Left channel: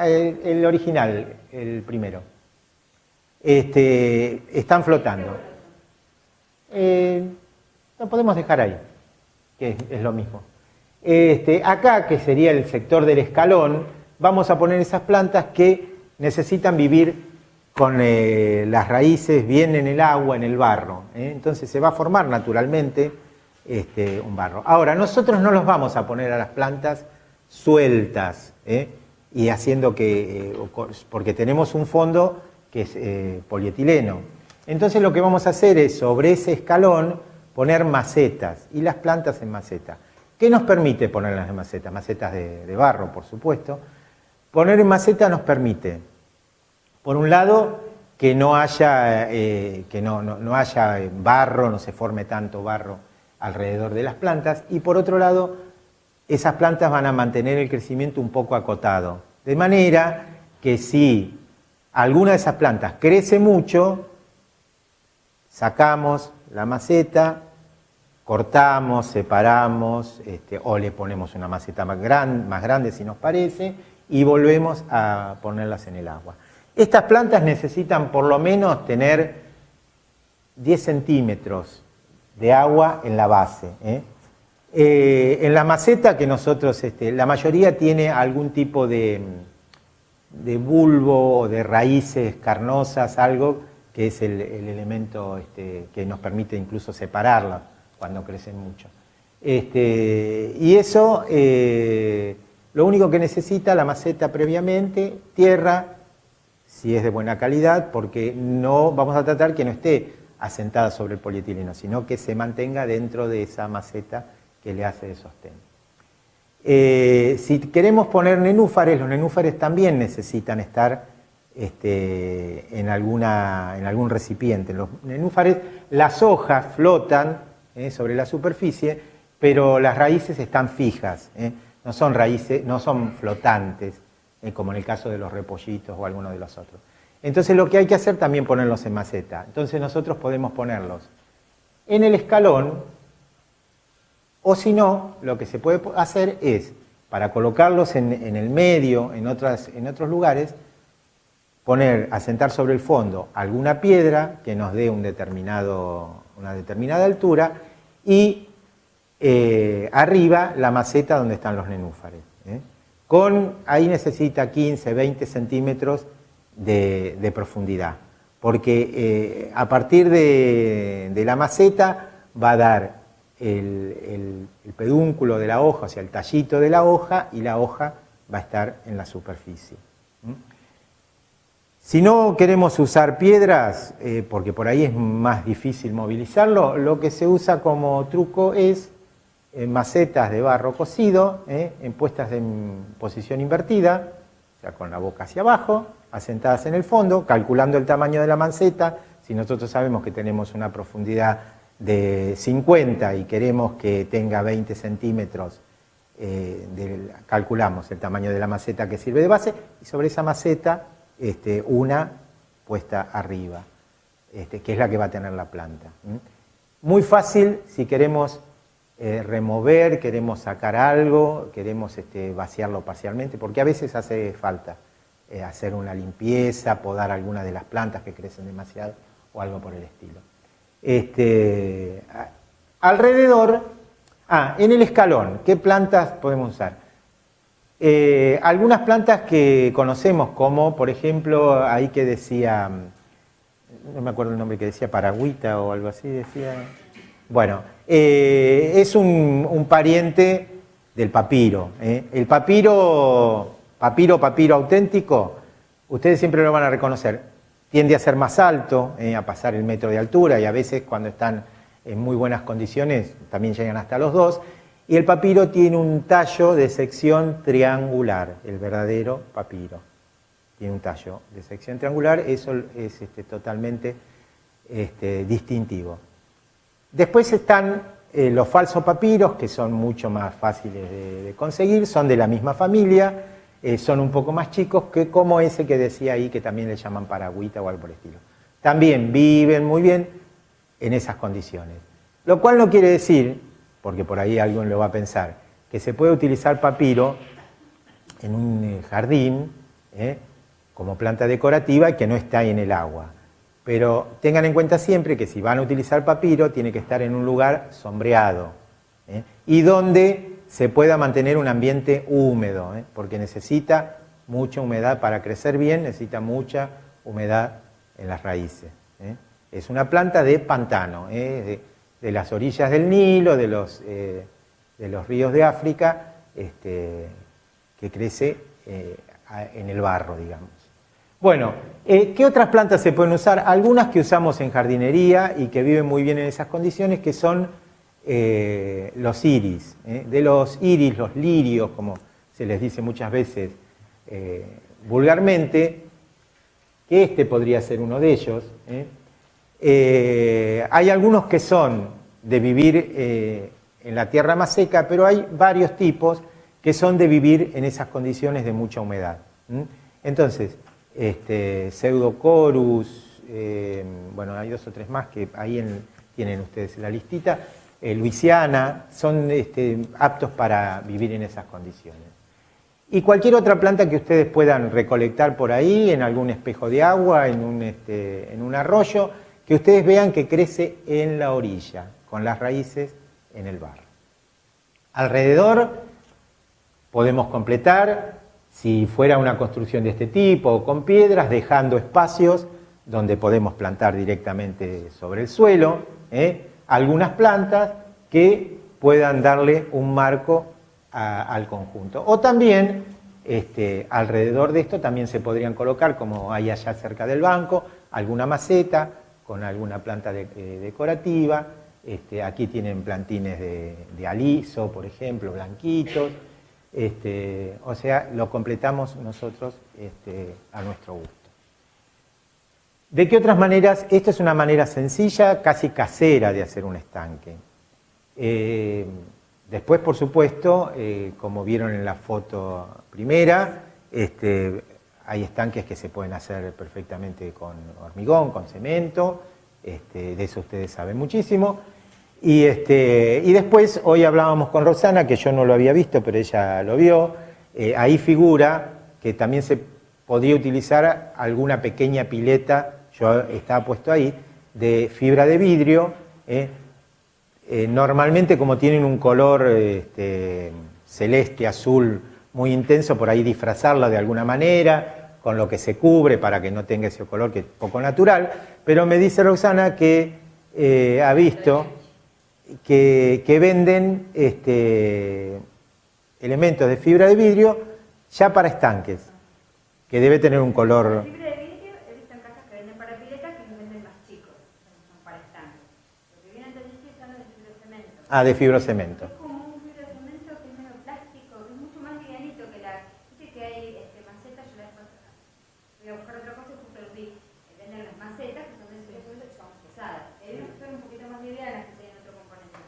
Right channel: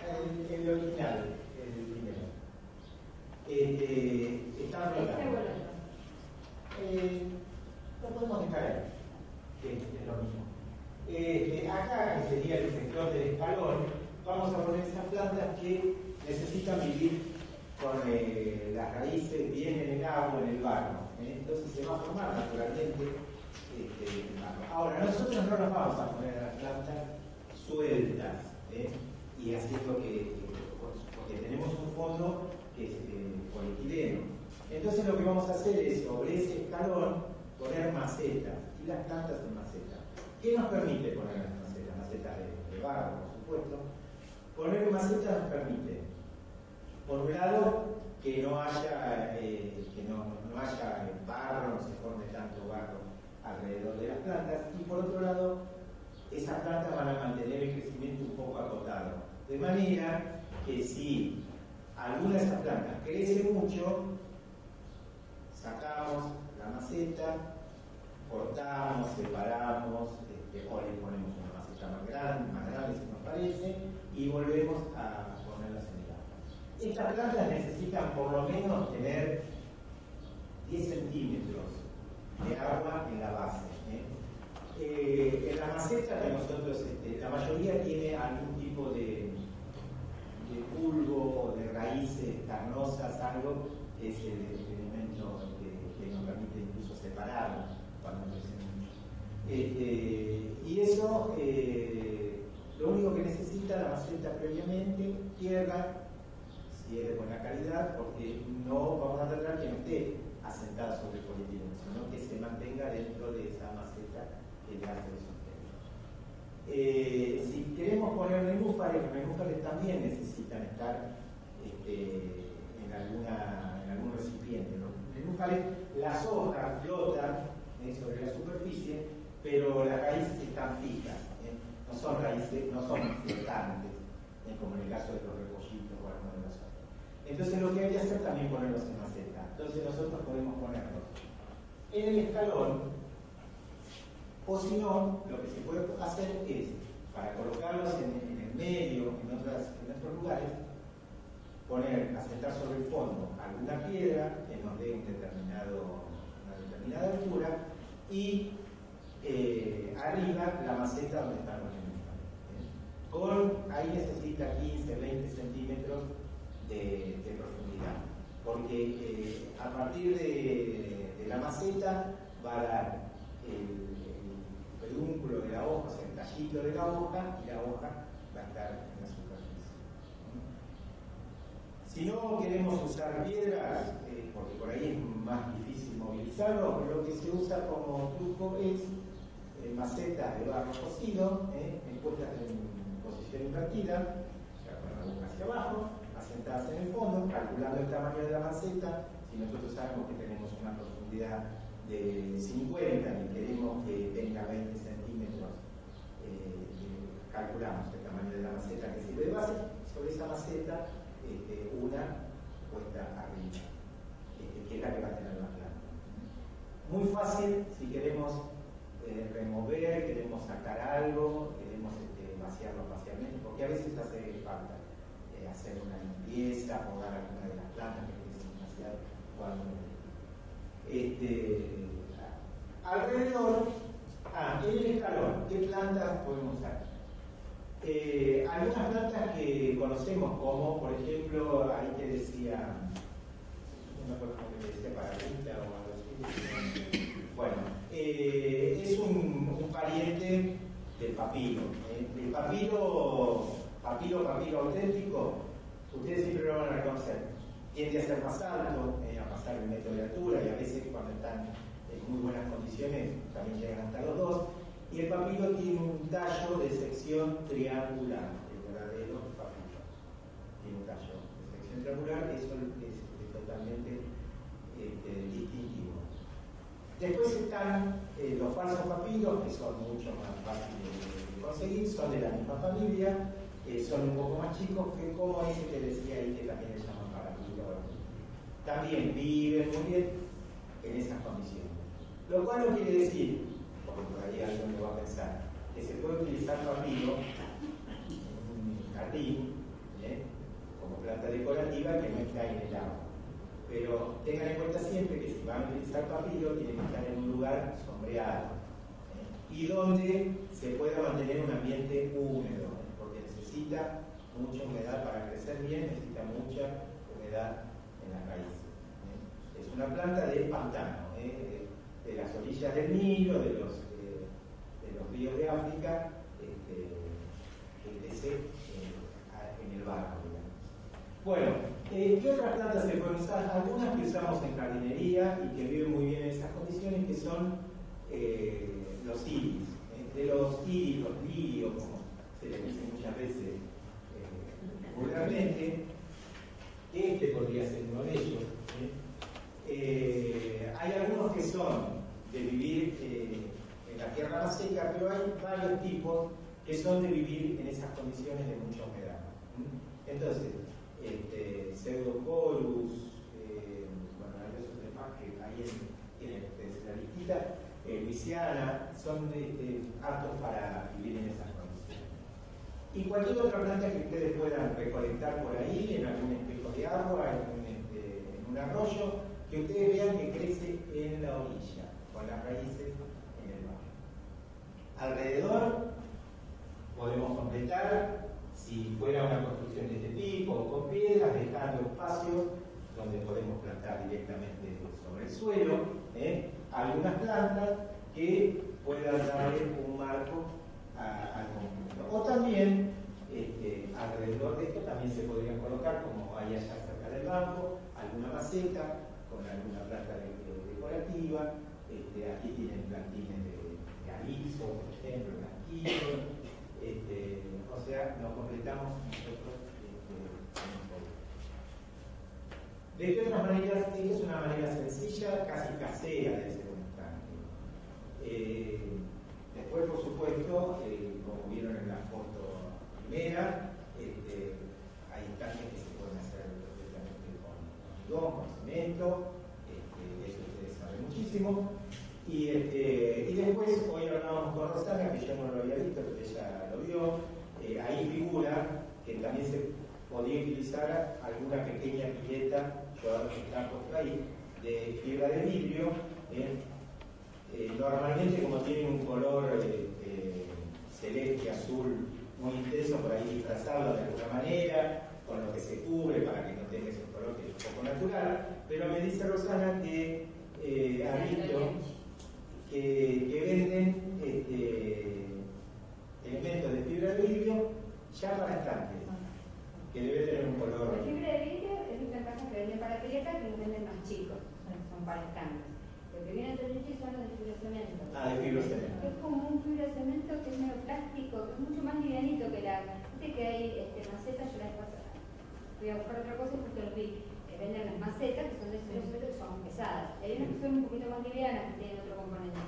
El original, el primero. Están flotando. Lo podemos dejar ahí, que es lo mismo. Acá, que sería el sector del escalón, vamos a poner esas plantas que necesitan vivir con las raíces bien en el agua, en el barro. Entonces se va a formar naturalmente un barro. Ahora, nosotros no los vamos a poner a las plantas sueltas, y haciendo que, porque tenemos un fondo que es polietileno. Entonces lo que vamos a hacer es sobre ese escalón poner macetas, y las plantas en maceta. ¿Qué nos permite ponerlas en macetas? Macetas de barro, por supuesto. Poner en maceta nos permite, por un lado, que no haya, no haya barro, no se forme tanto barro alrededor de las plantas, y por otro lado, esas plantas van a mantener el crecimiento un poco acotado. De manera que si alguna de esas plantas crece mucho, sacamos la maceta, cortamos, separamos, o le ponemos una maceta más grande si nos parece, y volvemos a ponerlas en el agua. Estas plantas necesitan por lo menos tener 10 centímetros de agua en la base. En la maceta que nosotros, la mayoría tiene algún tipo de bulbo o de raíces carnosas, algo que es el elemento que nos permite incluso separarla cuando crecen mucho. Y eso, lo único que necesita la maceta previamente, tierra, si es de buena calidad, porque no vamos a tratar que no esté asentada sobre el polietileno, sino que se mantenga dentro de esa maceta que le hace de sostén. Si queremos poner nenúfares, los nenúfares también necesitan estar en algún recipiente. Los nenúfares, las hojas flotan sobre la superficie, pero las raíces están fijas, no son raíces, no son flotantes, como en el caso de los repollitos o alguno de los otros. Entonces lo que hay que hacer también ponerlos en maceta. Entonces nosotros podemos ponerlos en el escalón, o si no, lo que se puede hacer es, para colocarlos en el medio, en otros lugares, asentar sobre el fondo alguna piedra que nos dé una determinada altura, y arriba la maceta donde están los nenúfares. Ahí necesita 15, 20 centímetros de profundidad, porque a partir de la maceta va a dar el pedúnculo de la hoja, o sea, el tallito de la hoja, y la hoja va a estar en la superficie. Si no queremos usar piedras, porque por ahí es más difícil movilizarlo, lo que se usa como truco es macetas de barro cocido, puestas en posición invertida, o sea, con la boca hacia abajo, asentadas en el fondo, calculando el tamaño de la maceta. Si nosotros sabemos que tenemos una profundidad de 50 y queremos que tenga 20 centímetros, calculamos el tamaño de la maceta que sirve de base, y sobre esa maceta una puesta arriba, que es la que va a tener la planta. Muy fácil si queremos remover, queremos sacar algo, queremos vaciarlo parcialmente, porque a veces hace falta hacer una limpieza, podar alguna de las plantas que crecen demasiado o algo por el estilo. Alrededor, en el escalón, ¿qué plantas podemos usar? Algunas plantas que conocemos, como por ejemplo, ahí que decía, no me acuerdo el nombre, que decía paragüita o algo así, decía. Bueno, es un pariente del papiro. El papiro auténtico, ustedes siempre lo van a reconocer, tiende a ser más alto, a pasar el metro de altura, y a veces cuando están en muy buenas condiciones también llegan hasta los 2. Y el papiro tiene un tallo de sección triangular, el verdadero papiro. Tiene un tallo de sección triangular, eso es totalmente distintivo. Después están los falsos papiros, que son mucho más fáciles de conseguir, son de la misma familia, son un poco más chicos, que como ese que decía ahí, que también le llaman paragüita o algo por el estilo. También viven muy bien en esas condiciones. Lo cual no quiere decir, porque por ahí alguien lo va a pensar, que se puede utilizar papiro en un jardín como planta decorativa y que no está en el agua. Pero tengan en cuenta siempre que si van a utilizar papiro, tiene que estar en un lugar sombreado, y donde se pueda mantener un ambiente húmedo, porque necesita mucha humedad para crecer bien, necesita mucha humedad en las raíces. Es una planta de pantano, de las orillas del Nilo, de los ríos de África, que crece en el barro, digamos. Bueno, ¿qué otras plantas se pueden usar? Algunas que usamos en jardinería y que viven muy bien en esas condiciones, que son los iris. De los iris, los lirios, como se les dice muchas veces vulgarmente, que este podría ser uno de ellos. Hay algunos que son de vivir en la tierra más seca, pero hay varios tipos que son de vivir en esas condiciones de mucha humedad. Entonces, Pseudocorus, bueno, hay 2 o 3 más que ahí tienen ustedes la listita, Luisiana, son aptos para vivir en esas condiciones. Y cualquier otra planta que ustedes puedan recolectar por ahí, en algún espejo de agua, en un arroyo, que ustedes vean que crece en la orilla, con las raíces en el barro. Alrededor podemos completar, si fuera una construcción de este tipo, con piedras, dejando espacios donde podemos plantar directamente sobre el suelo, algunas plantas que puedan darle un marco al conjunto. O también, alrededor de esto también se podrían colocar, como hay allá cerca del banco, alguna maceta con alguna planta decorativa. Aquí tienen plantines de aliso, por ejemplo, blanquitos. O sea, lo completamos nosotros a nuestro gusto. ¿De qué otras maneras? Esta es una manera sencilla, casi casera de hacer un estanque. Después, por supuesto, como vieron en la foto primera, hay estanques que se pueden hacer perfectamente con hormigón, con cemento, de eso ustedes saben muchísimo. Y después, hoy hablábamos con Roxana, que yo no lo había visto, pero ella lo vio, ahí figura que también se podría utilizar alguna pequeña pileta, yo estaba puesto ahí, de fibra de vidrio, normalmente como tienen un color celeste, azul, muy intenso, por ahí disfrazarla de alguna manera, con lo que se cubre para que no tenga ese color que es poco natural, pero me dice Roxana que ha visto que venden elementos de fibra de vidrio ya para estanques, que debe tener un color. La fibra de vidrio he visto en casas que venden para piletas que los venden más chicos, son para estanques. Lo que vienen de vidrio son los de fibrocemento. Ah, de fibrocemento. Es como un fibrocemento que es medio plástico, que es mucho más livianito que la. Viste que hay macetas, yo la vez pasada fui a buscar otra cosa y justo los vi. Que venden las macetas que son de fibrocemento que son pesadas. Hay unas que son un poquito más livianas que tienen otro componente.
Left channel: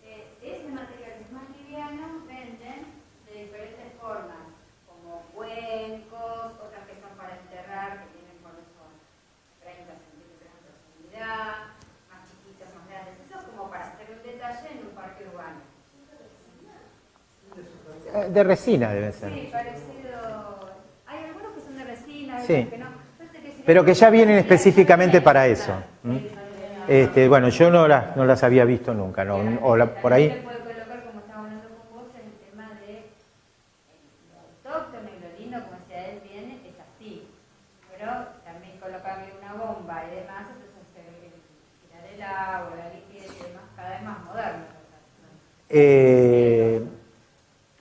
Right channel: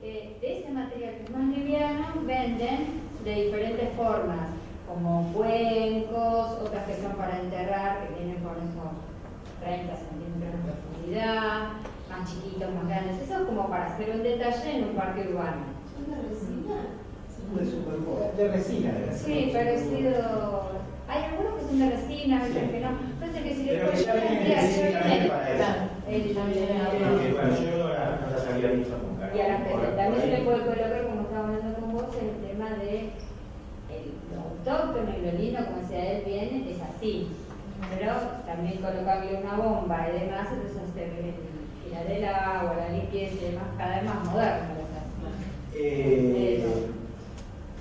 De ese material que es más liviano venden de diferentes formas, como cuencos, otras que son para enterrar, que vienen con esos 30 centímetros de profundidad, más chiquitos, más grandes. Eso es como para hacer un detalle en un parque urbano. ¿Son de resina? De resina debe ser. Sí, parecido. Hay algunos que son de resina, Sí. que no. Entonces, Pero que ya vienen específicamente para eso. Bueno, yo no las había visto nunca, ¿no? Por ahí. Se puede colocar, como estaba hablando con vos, el tema de lo autóctono y lo lindo, como decía él, viene, es así. Pero también colocarle una bomba y demás, entonces se viene tirar el agua, la limpieza y demás, cada vez más moderno.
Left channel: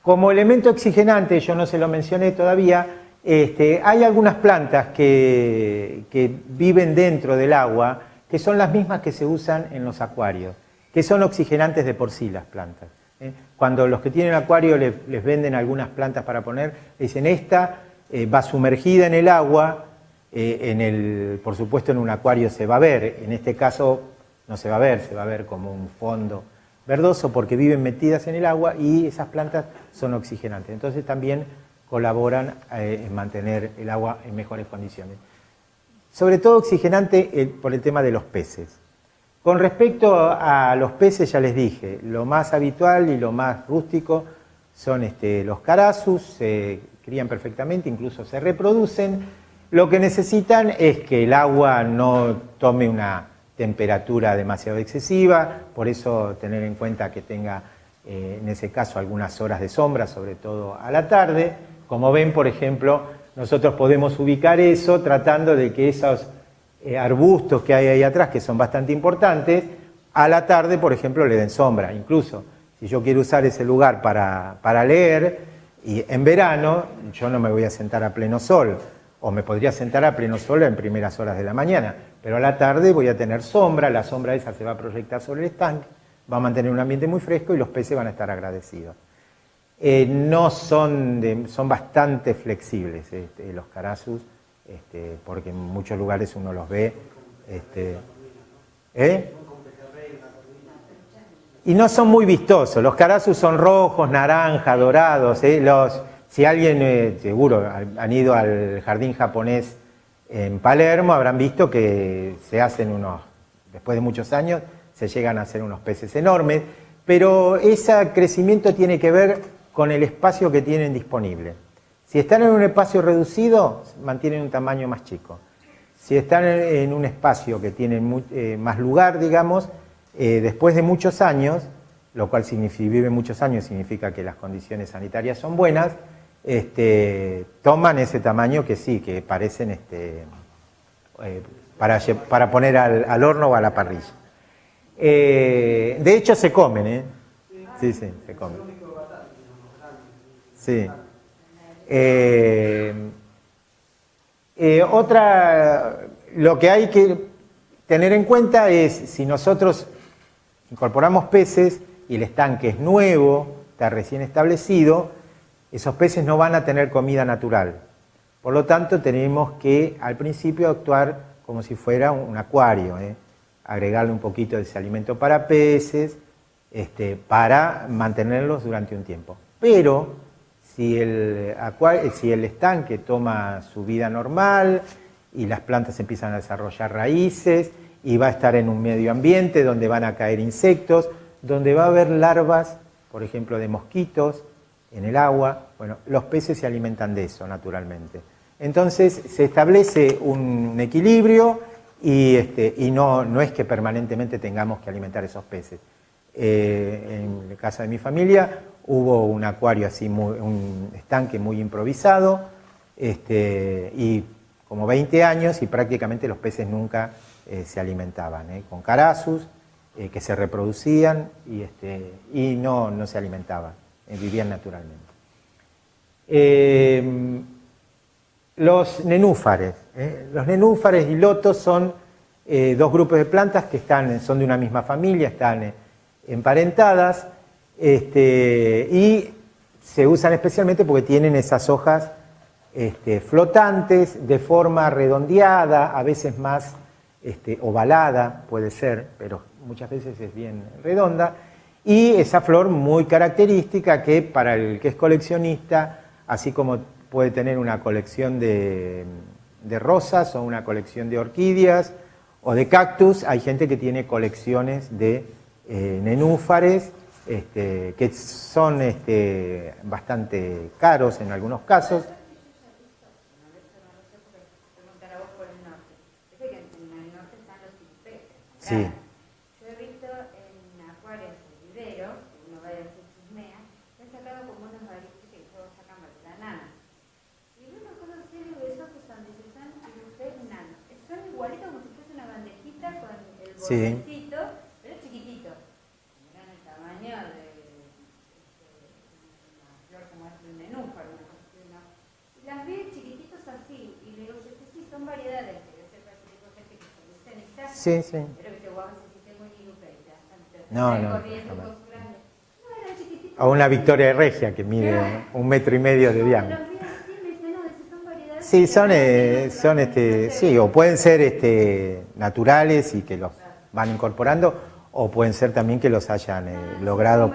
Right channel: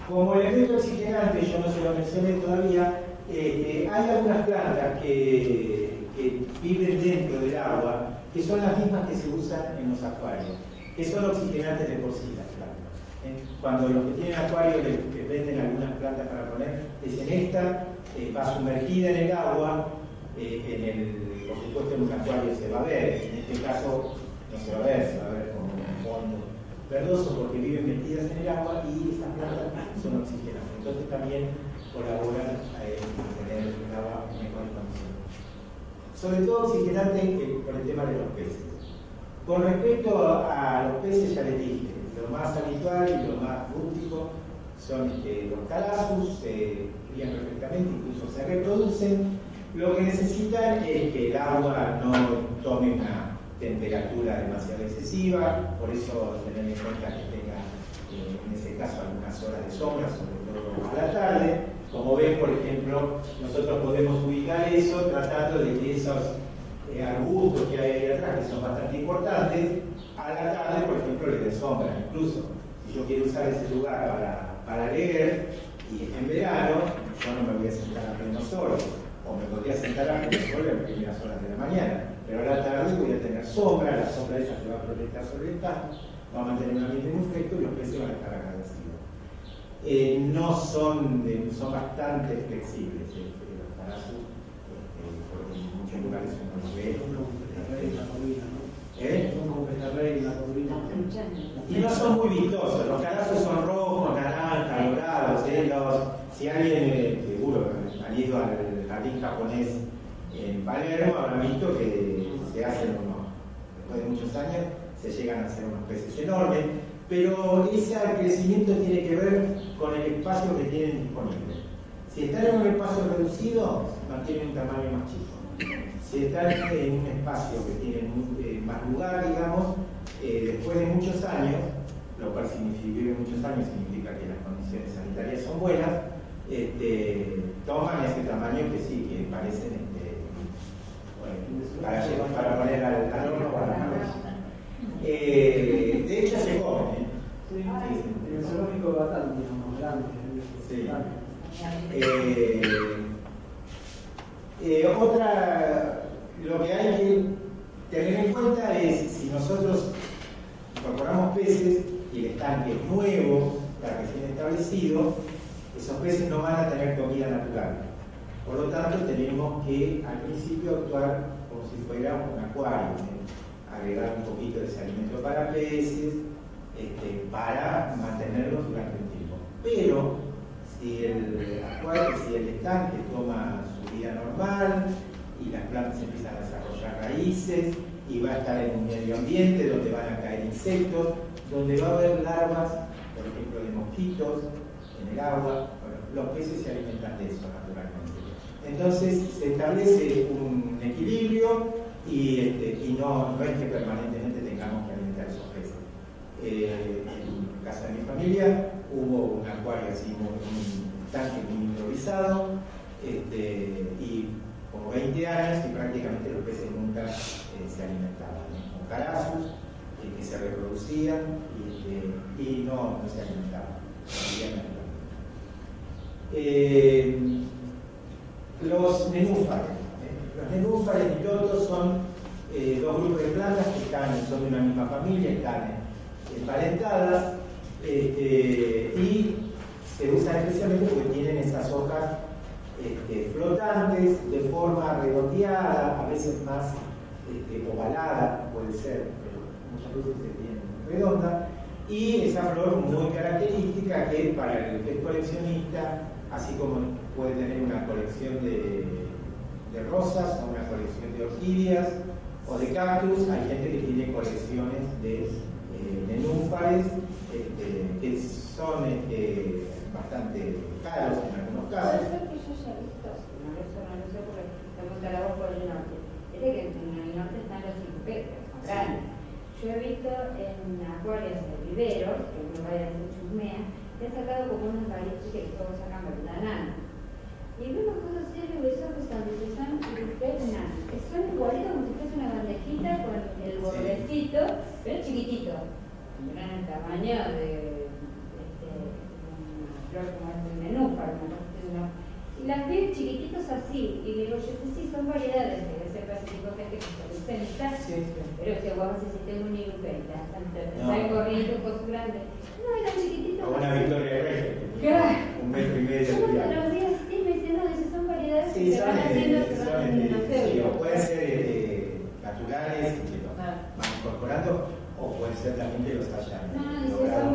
Como elemento oxigenante, yo no se lo mencioné todavía, hay algunas plantas que viven dentro del agua, que son las mismas que se usan en los acuarios, que son oxigenantes de por sí las plantas. Cuando los que tienen acuario les venden algunas plantas para poner, dicen esta va sumergida en el agua, por supuesto en un acuario se va a ver, en este caso no se va a ver, se va a ver como un fondo verdoso porque viven metidas en el agua y esas plantas son oxigenantes. Entonces también colaboran en mantener el agua en mejores condiciones. Sobre todo oxigenante por el tema de los peces. Con respecto a los peces ya les dije, lo más habitual y lo más rústico son los carasus, se crían perfectamente, incluso se reproducen. Lo que necesitan es que el agua no tome una temperatura demasiado excesiva, por eso tener en cuenta que tenga en ese caso algunas horas de sombra, sobre todo a la tarde. Como ven, por ejemplo, nosotros podemos ubicar eso tratando de que esos arbustos que hay ahí atrás, que son bastante importantes, a la tarde, por ejemplo, le den sombra. Incluso si yo quiero usar ese lugar para leer, y en verano yo no me voy a sentar a pleno sol, o me podría sentar a pleno sol en primeras horas de la mañana, pero a la tarde voy a tener sombra, la sombra esa se va a proyectar sobre el estanque, va a mantener un ambiente muy fresco y los peces van a estar agradecidos. No son, son bastante flexibles los carasus, porque en muchos lugares uno los ve. Y no son muy vistosos. Los carasus son rojos, naranja, dorados. Si alguien, seguro, han ido al jardín japonés en Palermo, habrán visto que se hacen después de muchos años, se llegan a hacer unos peces enormes, pero ese crecimiento tiene que ver con el espacio que tienen disponible. Si están en un espacio reducido, mantienen un tamaño más chico. Si están en un espacio que tiene más lugar, digamos, después de muchos años, lo cual vive muchos años, significa que las condiciones sanitarias son buenas, toman ese tamaño que sí, que parecen para poner al horno o a la parrilla. De hecho se comen, sí, se comen. Sí. Lo que hay que tener en cuenta es, si nosotros incorporamos peces y el estanque es nuevo, está recién establecido, esos peces no van a tener comida natural. Por lo tanto, tenemos que al principio actuar como si fuera un acuario, agregarle un poquito de ese alimento para peces, para mantenerlos durante un tiempo. Pero si el estanque toma su vida normal y las plantas empiezan a desarrollar raíces y va a estar en un medio ambiente donde van a caer insectos, donde va a haber larvas, por ejemplo, de mosquitos en el agua, bueno, los peces se alimentan de eso naturalmente. Entonces se establece un equilibrio y no es que permanentemente tengamos que alimentar esos peces. En la casa de mi familia hubo un acuario así, un estanque muy improvisado, y como 20 años y prácticamente los peces nunca se alimentaban, con carasus que se reproducían y no se alimentaban, vivían naturalmente. Los nenúfares. Los nenúfares y lotos son dos grupos de plantas que son de una misma familia, están emparentadas, y se usan especialmente porque tienen esas hojas flotantes, de forma redondeada, a veces más ovalada, puede ser, pero muchas veces es bien redonda, y esa flor muy característica que para el que es coleccionista, así como puede tener una colección de rosas o una colección de orquídeas o de cactus, hay gente que tiene colecciones de nenúfares que son bastante caros en algunos casos. Sí. Yo he visto en acuarios de viveros, que uno vaya a hacer chusmea, que han sacado como unos raíces que todos sacan de la nana. Y veo unas cosas serias de esos que son nana. Son igualitos como si fuese una bandejita con el bordecito, pero chiquitito. Tendrán el tamaño de una flor como es un nenúfar. Y las veo chiquititos así, y digo, yo sí, son variedades de ese clásico gente que se colecciona. Sí, sí. Pero que vos si tengo un nirupenta, no. Corriendo con su grande. No, eran chiquititos. O una Victoria Regia que mide 1,5 metros de diámetro. Sí, sí, o pueden ser naturales y que los van incorporando, o pueden ser también que los hayan logrado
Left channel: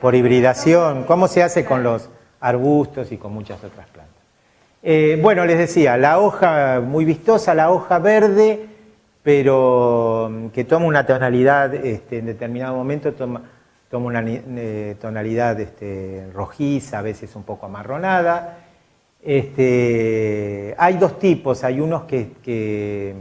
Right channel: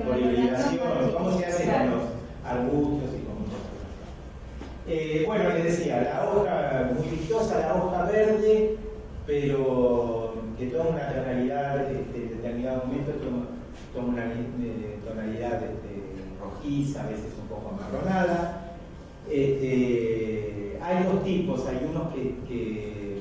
por hibridación, como se hace con los arbustos y con muchas otras plantas. Bueno, les decía, la hoja muy vistosa, la hoja verde, pero que toma una tonalidad en determinado momento, toma una tonalidad rojiza, a veces un poco amarronada. Hay dos tipos, hay unos que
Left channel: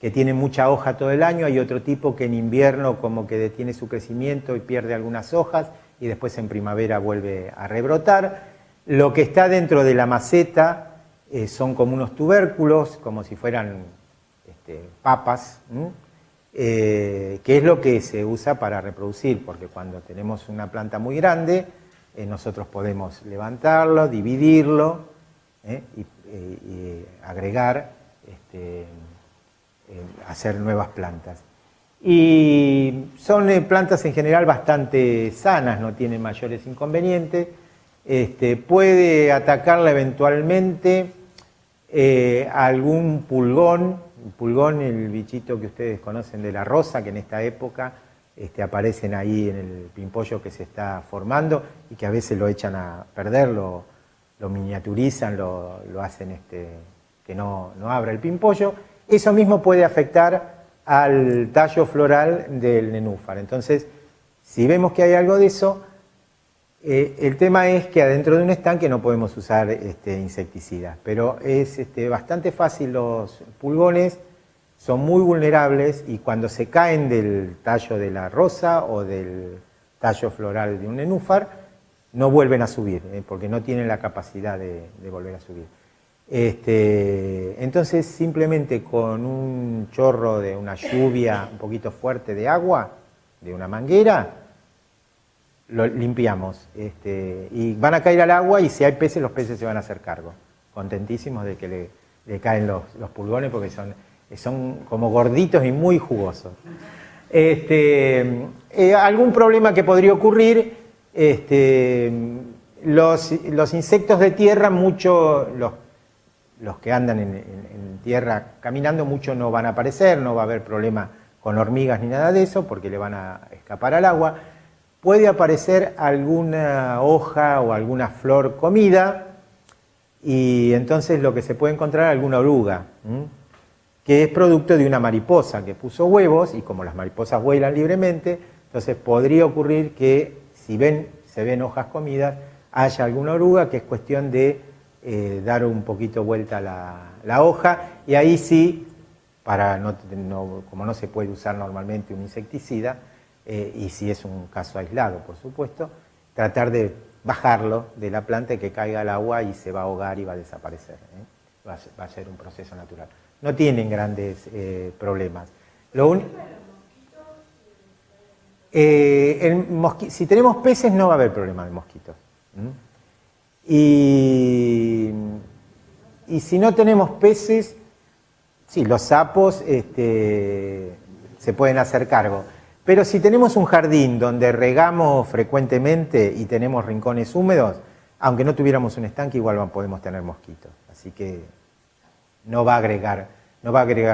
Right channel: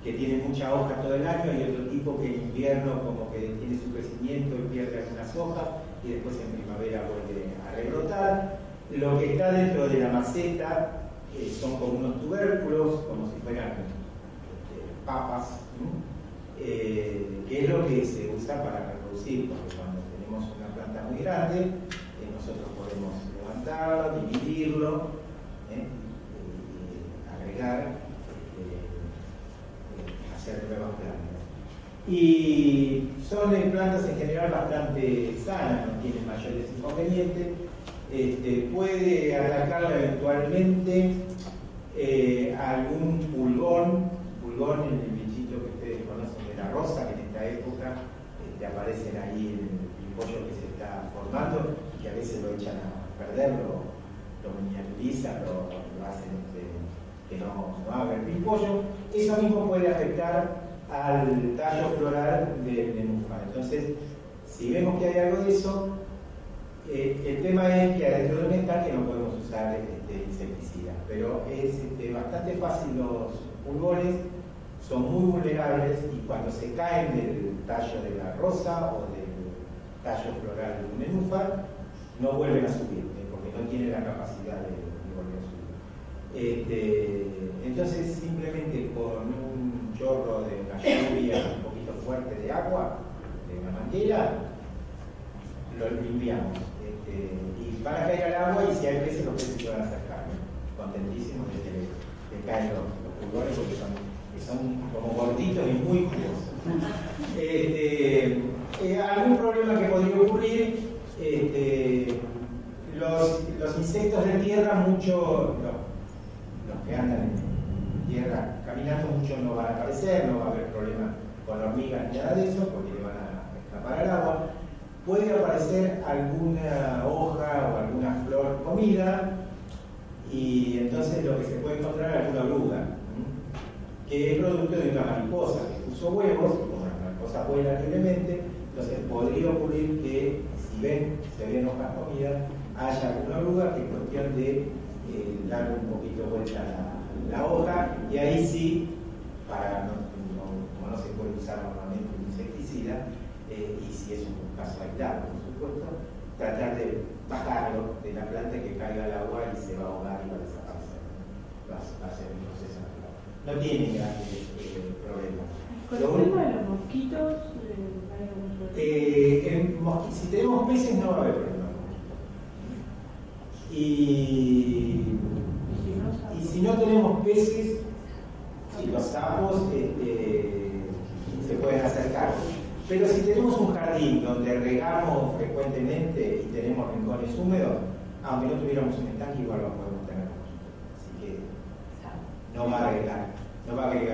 tienen mucha hoja todo el año, hay otro tipo que en invierno como que detiene su crecimiento y pierde algunas hojas y después en primavera vuelve a rebrotar. Lo que está dentro de la maceta son como unos tubérculos, como si fueran papas, que es lo que se usa para reproducir, porque cuando tenemos una planta muy grande, nosotros podemos levantarlo, dividirlo y agregar, hacer nuevas plantas. Y son plantas en general bastante sanas, no tienen mayores inconvenientes. Puede atacarla eventualmente algún pulgón. Pulgón, el bichito que ustedes conocen de la rosa, que en esta época aparecen ahí en el pimpollo que se está formando y que a veces lo echan a perder, lo miniaturizan, lo hacen que no abra el pimpollo. Eso mismo puede afectar al tallo floral del nenúfar. Entonces, si vemos que hay algo de eso, el tema es que adentro de un estanque no podemos usar insecticidas, pero es bastante fácil. Los pulgones son muy vulnerables y cuando se caen del tallo de la rosa o del tallo floral de un nenúfar, no vuelven a subir, porque no tienen la capacidad de volver a subir. Entonces, simplemente con un chorro de una lluvia un poquito fuerte de agua, de una manguera, lo limpiamos. Y van a caer al agua y si hay peces, los peces se van a hacer cargo. Contentísimos de que le caen los pulgones porque son como gorditos y muy jugosos. Algún problema que podría ocurrir, los insectos de tierra, los que andan en tierra caminando, mucho no van a aparecer, no va a haber problema con hormigas ni nada de eso, porque le van a escapar al agua. Puede aparecer alguna hoja o alguna flor comida, y entonces lo que se puede encontrar es alguna oruga, que es producto de una mariposa que puso huevos, y como las mariposas vuelan libremente, entonces podría ocurrir que si se ven hojas comidas, haya alguna oruga, que es cuestión de dar un poquito vuelta la hoja, y ahí sí, como no se puede usar normalmente un insecticida, y si es un caso aislado, por supuesto, tratar de bajarlo de la planta y que caiga al agua y se va a ahogar y va a desaparecer. Va a ser un proceso natural. No tienen grandes problemas. ¿Con el tema de los mosquitos? Si tenemos peces no va a haber problema de mosquitos. Y si no tenemos peces, sí, los sapos se pueden hacer cargo. Pero si tenemos un jardín donde regamos frecuentemente y tenemos rincones húmedos, aunque no tuviéramos un estanque, igual podemos tener mosquitos. Así que no va a agregar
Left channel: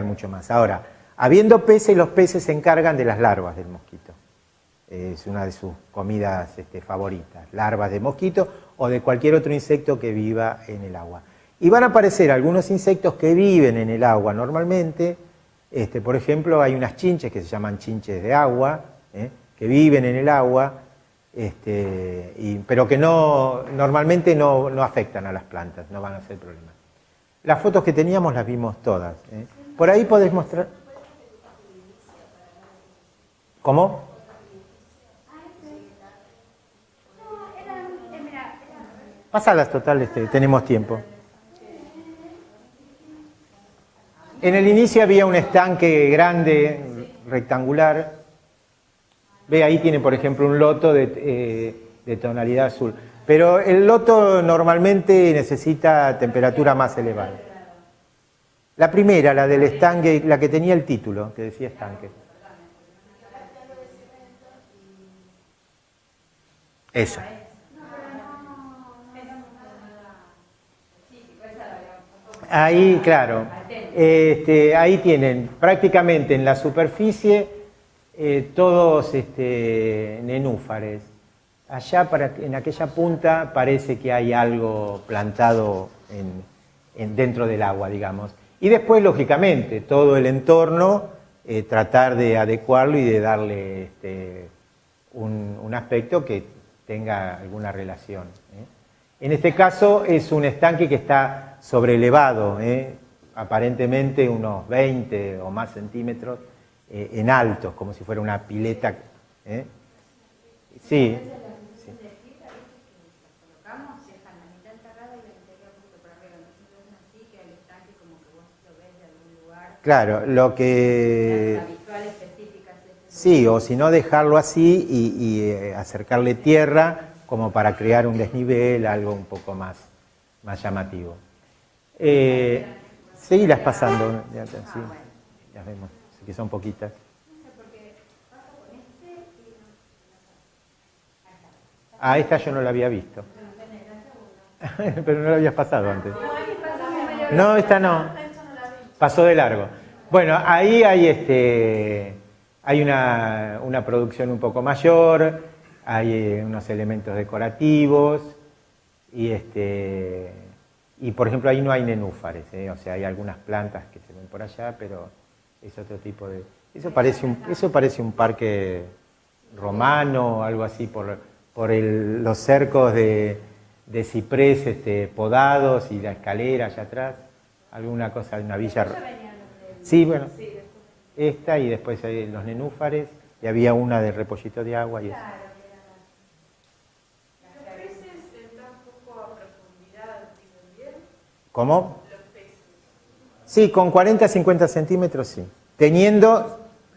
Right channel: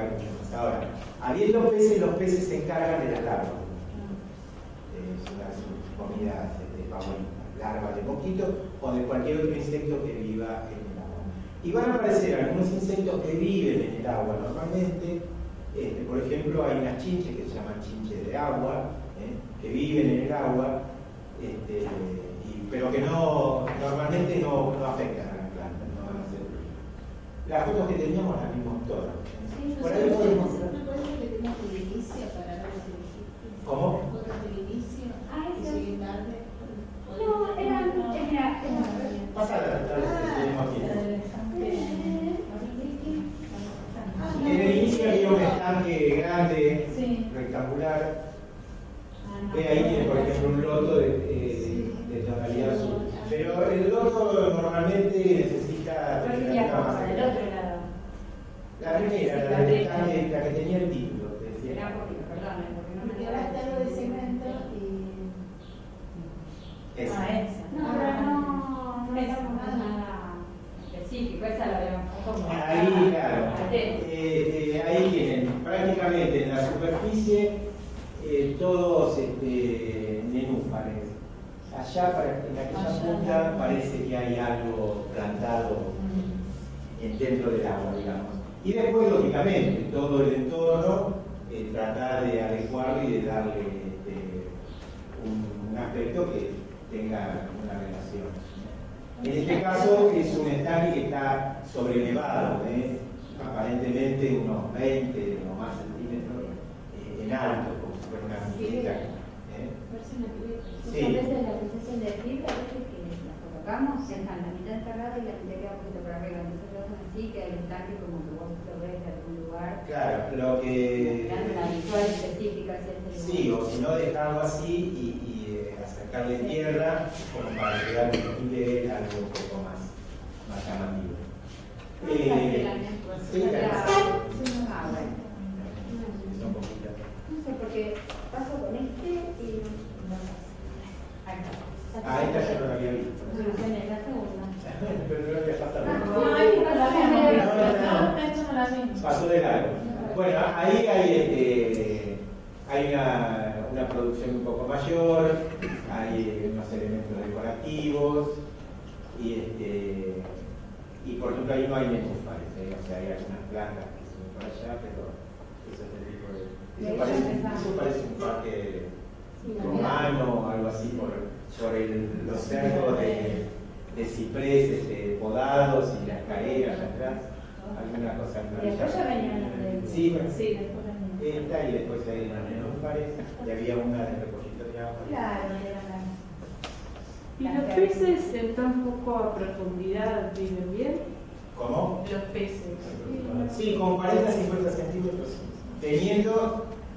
mucho más. Ahora, habiendo peces, los peces se encargan de las larvas del mosquito. Es una de sus comidas favoritas, larvas de mosquito o de cualquier otro insecto que viva en el agua. Y van a aparecer algunos insectos que viven en el agua normalmente. Por ejemplo, hay unas chinches que se llaman chinches de agua, que viven en el agua, pero que normalmente no afectan a las plantas, no van a ser problema. Las fotos que teníamos las vimos todas. Por ahí podés mostrar. ¿Cómo? Pásalas, total, tenemos tiempo. En el inicio había un estanque grande, rectangular. Ve, ahí tiene, por ejemplo, un loto de tonalidad azul. Pero el loto normalmente necesita temperatura más elevada. La primera, la del estanque, la que tenía el título, que decía estanque. Esa. Ahí, claro, ahí tienen prácticamente en la superficie todos nenúfares. Allá en aquella punta parece que hay algo plantado dentro del agua, digamos. Y después, lógicamente, todo el entorno, tratar de adecuarlo y de darle algún aspecto que tenga alguna relación. En este caso es un estanque que está sobrelevado, aparentemente unos 20 o más centímetros en alto, como si fuera una pileta. Sí. A veces la sensación de fibra, que la colocamos, dejan la mitad encerrada y la mitad queda un poquito para arriba. Nosotros hacemos así, que hay un tanque como que vos lo ves de algún lugar. Claro, lo que... Habitual, específica, sí, o si no dejarlo así y acercarle tierra como para crear un desnivel, algo un poco más llamativo. Seguirás pasando. Sí, las vemos, que son poquitas. No sé, porque paso con este y Ah, esta yo no la había visto. Pero no la habías pasado antes. No, esta no. Pasó de largo. Bueno, ahí hay una producción un poco mayor, hay unos elementos decorativos y por ejemplo ahí no hay nenúfares, o sea, hay algunas plantas que son por allá, pero es otro tipo de... Eso parece un parque romano o algo así por los cercos de ciprés podados y la escalera allá atrás, alguna cosa, una villa. Sí, bueno, esta y después hay los nenúfares y había una de repollito de agua. ¿Y los peces en tan poco profundidad viven bien? ¿Cómo? Los peces. Sí, con 40-50 centímetros sí.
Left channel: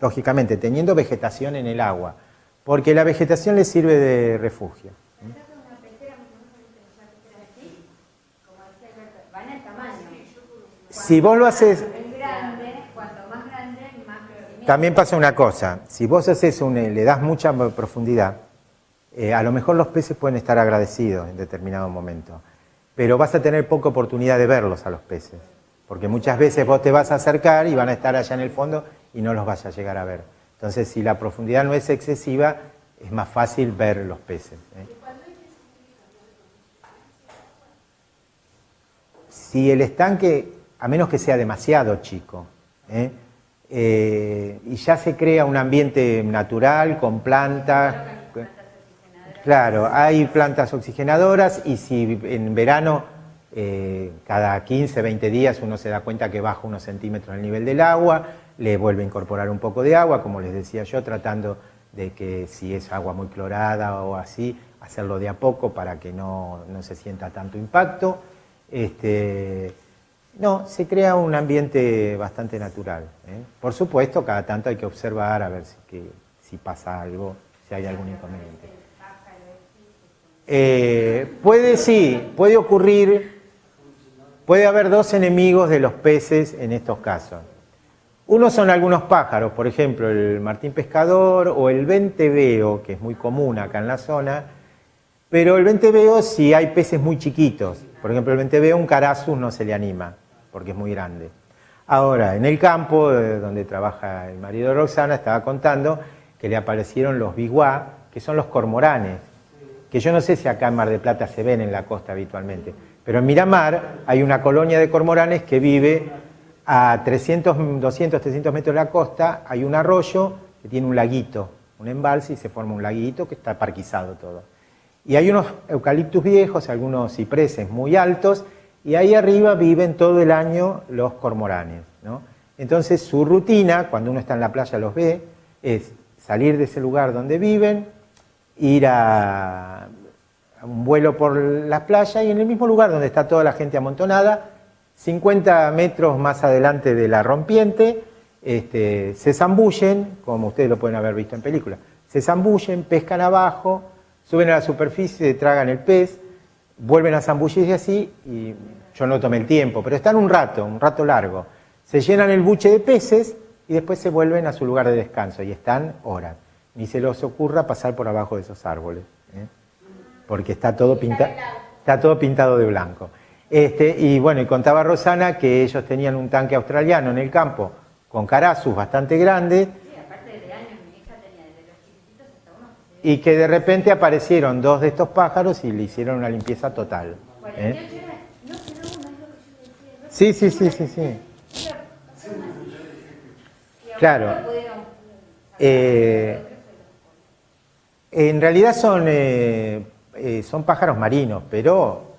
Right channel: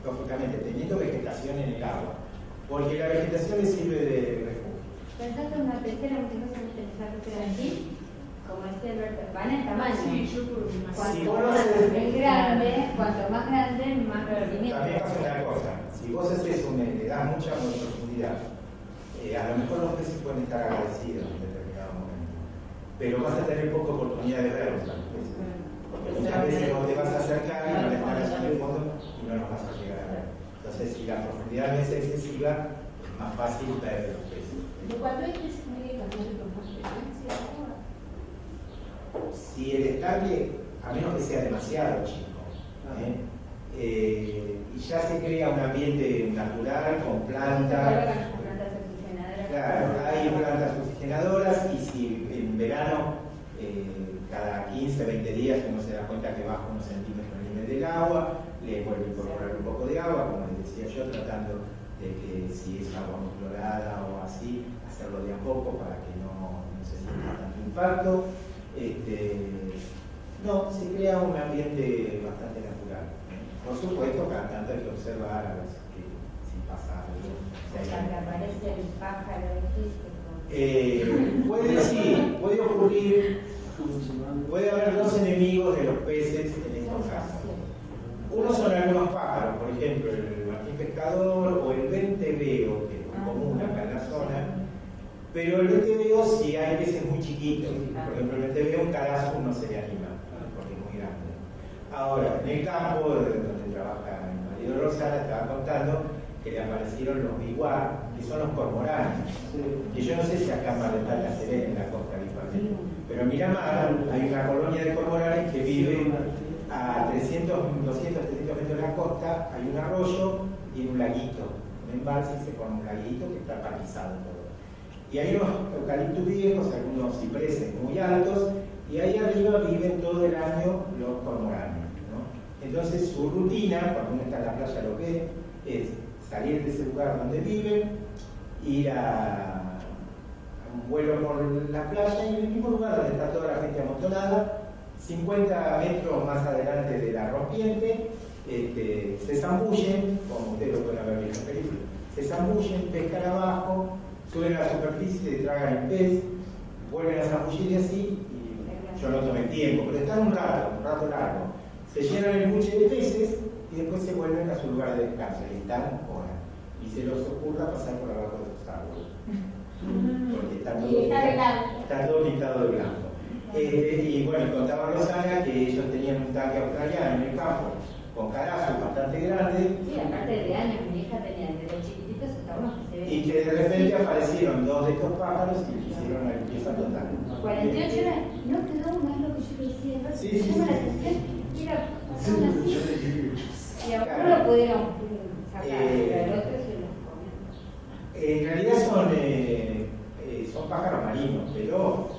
Lógicamente, teniendo vegetación en el agua, porque la vegetación les sirve de refugio. ¿Pensaste en una pecera muchas veces esa pecera aquí? Como este van en tamaño. Sí, yo creo que Si vos lo haces... Es grande, cuanto más grande, más crecimiento. También pasa una cosa, si vos le das mucha profundidad, a lo mejor los peces pueden estar agradecidos en determinado momento, pero vas a tener poca oportunidad de verlos a los peces, porque muchas veces vos te vas a acercar y van a estar allá en el fondo y no los vas a llegar a ver. Entonces, si la profundidad no es excesiva, es más fácil ver los peces. Si el estanque, a menos que sea demasiado chico, y ya se crea un ambiente natural con plantas. Claro, hay plantas oxigenadoras y si en verano cada 15, 20 días uno se da cuenta que baja unos centímetros el nivel del agua, le vuelve a incorporar un poco de agua, como les decía yo, tratando de que si es agua muy clorada o así, hacerlo de a poco para que no se sienta tanto impacto. No, se crea un ambiente bastante natural. Por supuesto, cada tanto hay que observar a ver si pasa algo, si hay algún... puede ocurrir, puede haber dos enemigos de los peces en estos casos. Uno son algunos pájaros, por ejemplo el martín pescador o el venteveo, que es muy común acá en la zona, pero el venteveo si hay peces muy chiquitos, por ejemplo el venteveo un carazus no se le anima, porque es muy grande. Ahora, en el campo donde trabaja el marido de Roxana, estaba contando que le aparecieron los biguá, que son los cormoranes, que yo no sé si acá en Mar del Plata se ven en la costa habitualmente, pero en Miramar hay una colonia de cormoranes que vive a 200, 300 metros de la costa, hay un arroyo que tiene un laguito, un embalse y se forma un laguito que está parquizado todo. Y hay unos eucaliptus viejos, algunos cipreses muy altos, y ahí arriba viven todo el año los cormoranes, ¿no? Entonces su rutina, cuando uno está en la playa los ve, es salir de ese lugar donde viven, ir a un vuelo por la playa y en el mismo lugar donde está toda la gente amontonada, 50 metros más adelante de la rompiente, se zambullen, como ustedes lo pueden haber visto en películas, se zambullen, pescan abajo, suben a la superficie, tragan el pez, vuelven a zambullirse así y yo no tomé el tiempo, pero están un rato largo. Se llenan el buche de peces y después se vuelven a su lugar de descanso y están horas. Ni se les ocurra pasar por abajo de esos árboles, porque está todo pintado de blanco. Y bueno, y contaba Rosana que ellos tenían un tanque australiano en el campo con carazus bastante grande. Sí, aparte de años, mi hija tenía desde los chiquititos hasta unos que se ven. Y que de repente aparecieron dos de estos pájaros y le hicieron una limpieza total. 48 horas, no es lo que yo decía. Sí. Claro. En realidad son pájaros marinos, pero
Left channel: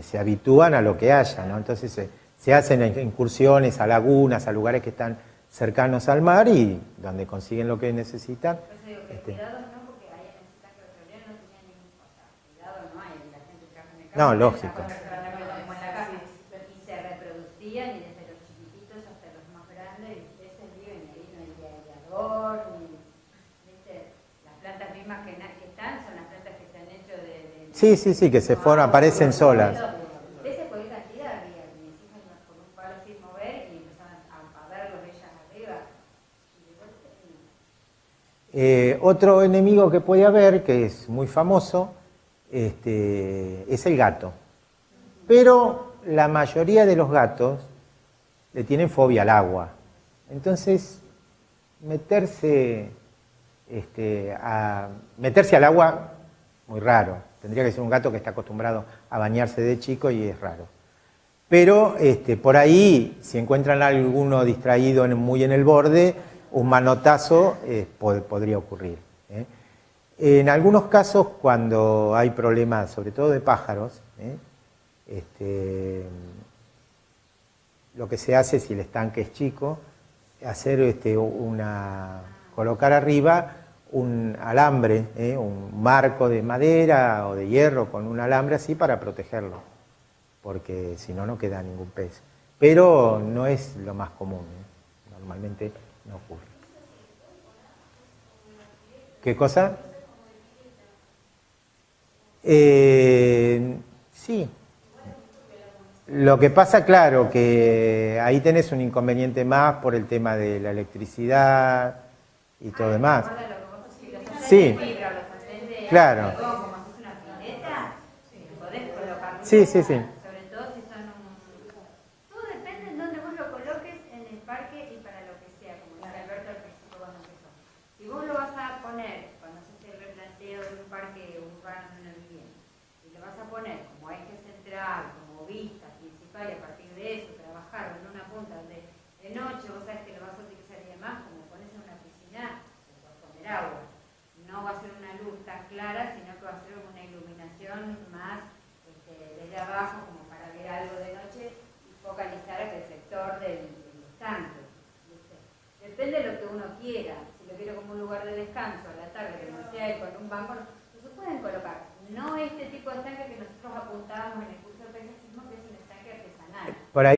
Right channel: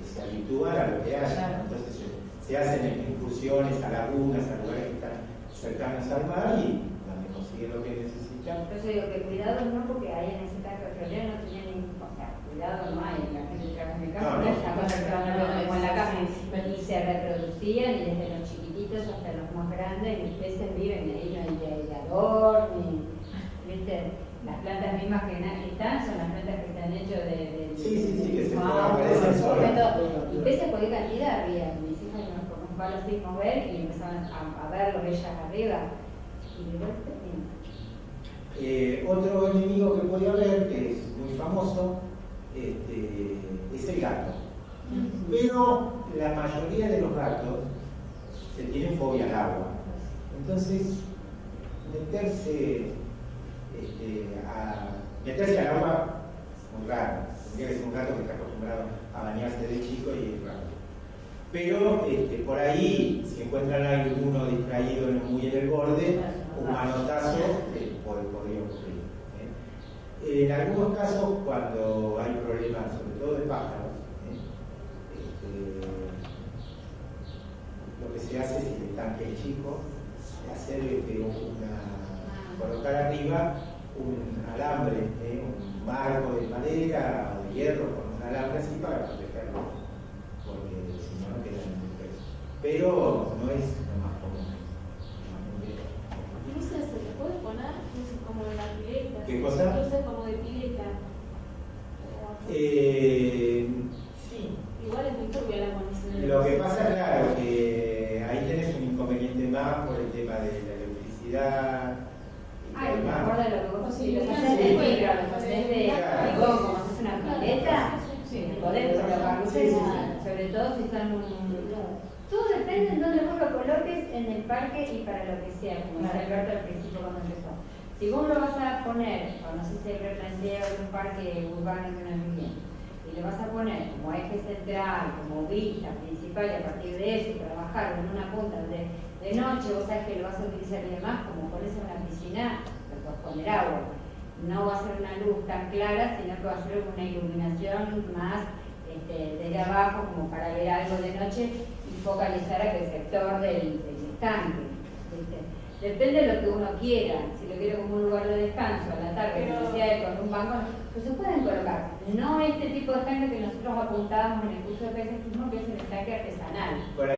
se habitúan a lo que haya, ¿no? Entonces se hacen incursiones a lagunas, a lugares que están cercanos al mar y donde consiguen lo que necesitan. Yo digo que cuidado no, porque ahí en ese caso petrolero no tenía ningún, o sea, cuidado no hay, la gente trabaja en el campo, No, lógico. como en la casa, y se reproducían y desde los chiquititos hasta los más grandes, los peces viven ahí, no hay aerador, ni, viste, las plantas mismas que están son las plantas que se han hecho de Sí, que se forman, aparecen solas. y peces por qué cantidad había, mis hijas con un palo así mover y empezaban a verlos ellas arriba. Otro enemigo que puede haber, que es muy famoso, es el gato. Pero la mayoría de los gatos le tienen fobia al agua. Entonces, meterse al agua, muy raro. Tendría que ser un gato que está acostumbrado a bañarse de chico y es raro. Pero por ahí, si encuentran a alguno distraído muy en el borde, un manotazo podría ocurrir. En algunos casos, cuando hay problemas, sobre todo de pájaros, lo que se hace, si el estanque es chico, hacer colocar arriba un alambre, un marco de madera o de hierro con un alambre así para protegerlo, porque si no, no queda ningún pez. Pero no es lo más común. Normalmente. ¿Se le puede poner como de la pileta? ¿Qué cosa? Como de pileta. Sí. Igual es muy turbia la munición. Lo que pasa, claro, que ahí tenés un inconveniente más por el tema de la electricidad y todo demás. Sí, claro. Sí. Sobre todo si son todo depende de dónde vos lo coloques en el parque y para lo que sea, como decía Alberto al principio cuando empezó. Si vos lo vas a poner, cuando se replantea un parque urbano de una vivienda, y lo vas a poner como eje central, como vista principal, y a partir de eso trabajar en una punta donde de noche vos sabés que lo vas a utilizar y demás, como pones en una piscina, lo puedes poner agua. No va a ser una luz tan clara, sino que va a ser una iluminación más desde abajo, como para ver algo de noche y focalizar aquel sector del estanque. ¿Viste? Depende de lo que uno quiera. Si lo quiero como un lugar de descanso a la tarde, con un banco, pues se pueden colocar. No este tipo de estanque que nosotros apuntábamos en el curso de paisajismo, que es el estanque artesanal. Por ahí